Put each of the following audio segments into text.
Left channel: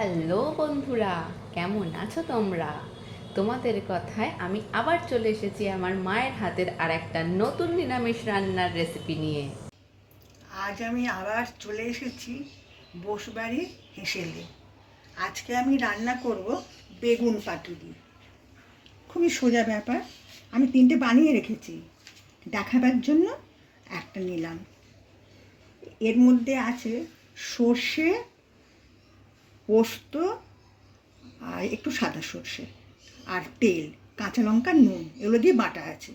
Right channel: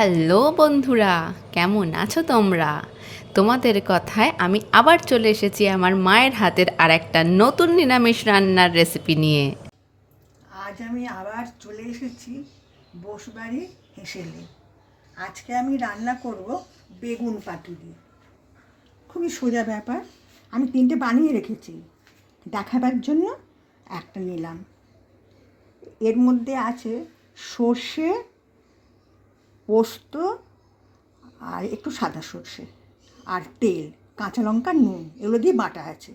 Hello বন্ধুরা, কেমন আছো তোমরা? তোমাদের কথায় আমি আবার চলে এসেছি আমার মায়ের হাতের আর একটা নতুন নিরামিষ রান্নার রেসিপি নিয়ে। আজ আমি আবার চলে এসেছি বসবাড়ি হেসেলে। আজকে আমি রান্না করব বেগুন পাতুরি। খুবই সোজা ব্যাপার। আমি 3টে বানিয়ে রেখেছি, দেখাবার জন্য একটা নিলাম। এর মধ্যে আছে সর্ষে, পোস্ত আর একটু সাদা সর্ষে আর তেল, কাঁচা লঙ্কা, নুন, এগুলো দিয়ে বাটা আছে।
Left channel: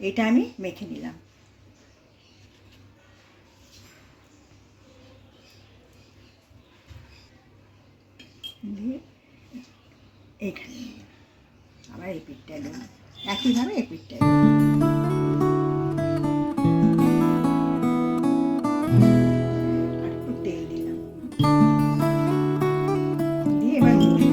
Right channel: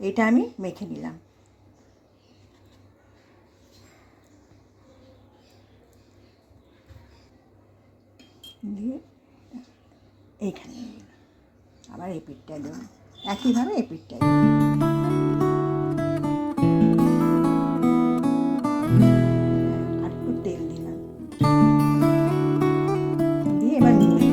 এটা আমি মেখে নিলাম। দিয়ে এইখানে আবার এই পিঠটায় দেবো, একইভাবে এই পিঠটায় আর একটু তেল দিলাম, দিয়ে এবার মুড়ে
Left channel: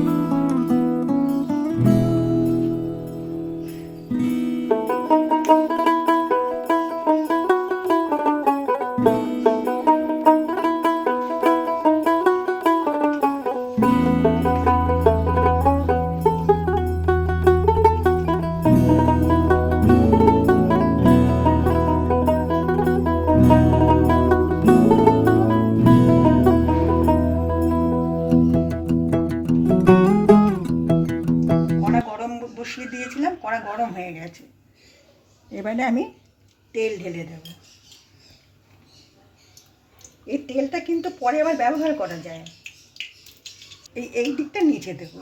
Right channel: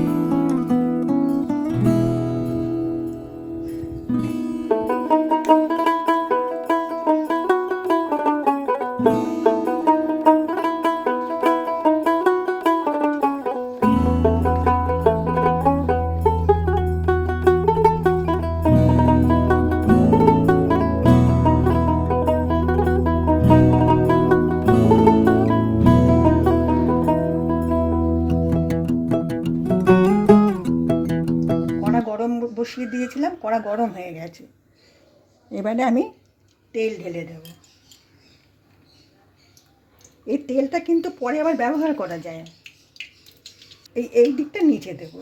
কড়া গরম বসিয়ে দিয়েছিলাম, কড়া গরম হয়ে গেছে। এবারে আমি তেল ঢেলে দেব। এই তেলটা কিন্তু পরে আবার ব্যবহার করা যায়। এই দিকটা নিচে দেব।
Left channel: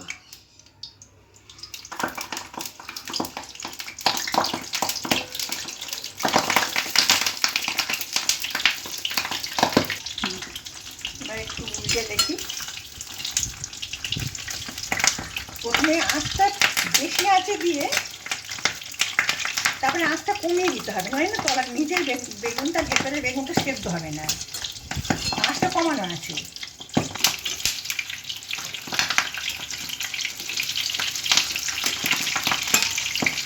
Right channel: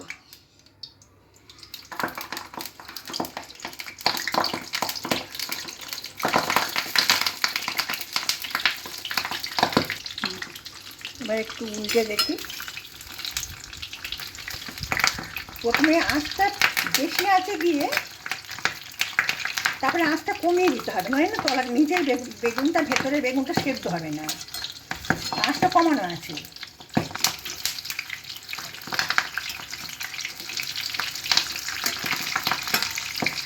এবার একটু উল্টে দেখি। প্রথমে আঁচটা বেশি আছে দিয়ে তারপরে আঁচটা কমিয়ে দিতে হবে, নয় না তলার নিচের বেগুনটা, ভেতরে বেগুনটা সেদ্ধ হবে না। আঁচটা কমানো আছে।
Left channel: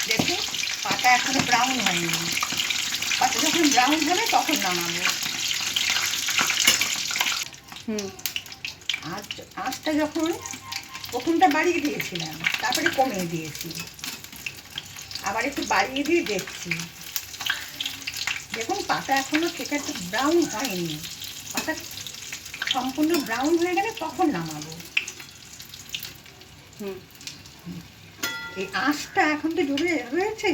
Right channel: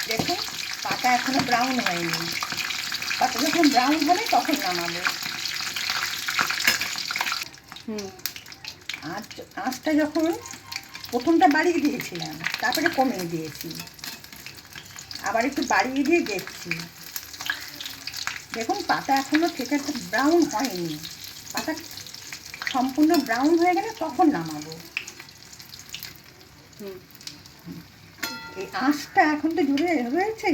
দেখুন, পাতা এখনো ব্রাউন হয়নি। পাতা যখন ব্রাউন হবে তখন নামাবো। আঁচটা যখন প্রথমটা বাড়িয়ে দিয়েছিলাম, তারপরে কমিয়ে দিয়েছি, আবার একটু বাড়িয়ে দিয়ে দেখছি। দেখুন, পাতা এখনো ঠিক আছে ব্রাউন হয়নি। পাতা সম্পূর্ণ ব্রাউন হয়ে গেলে তখন নামাবো। এই আঁচটা এখন তো জুড়ে রয়েছে,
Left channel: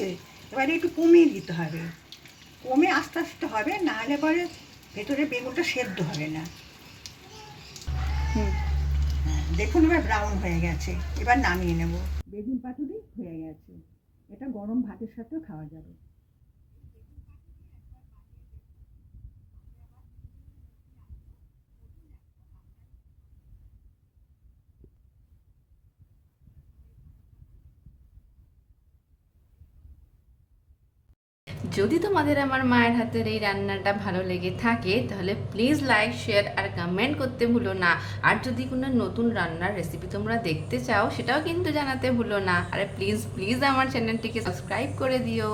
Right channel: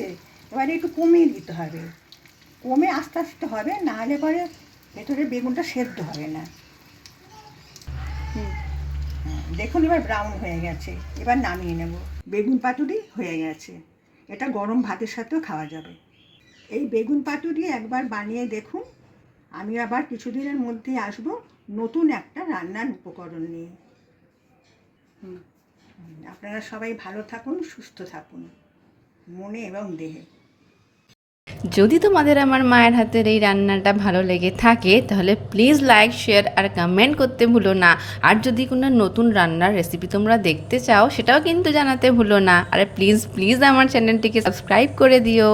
এবারে একটু কমিয়ে দিতে হবে। কমে আস্তে আস্তে হবে, না হলে পরে ভেতরে বেগুনটা সেদ্ধ হবে না। দেখুন, এবার ব্রাউন হয়ে গেছে। এবার নামিয়ে নেব। বেগুন পাতুরি হয়ে গেছে। এটা গরম ভাতের সাথেও খাওয়া যাবে। এই বেগুন পাতুরি একবার বানিয়ে দেখুন। আমি আবার কিছুদিনের মধ্যেই আসব নতুন একটা রান্নার উপকরণ নিয়ে। আপনারা সবাই ভালো থাকুন, সুস্থ থাকুন, মনে এবং দেহে। যদি তোমাদের আমার মায়ের হাতের এই রান্নাটা ভালো লেগে থাকে তাহলে প্লিজ লাইক, শেয়ার আর কমেন্ট করতে ভুলো না। আর যদি কোনো নতুন রান্নার রেসিপি তোমরা দেখতে চাও সেটাও কিন্তু জানাতে ভুলো না। আর প্লিজ প্লিজ আমার চ্যানেলটিকে সাবস্ক্রাইব করে দিও।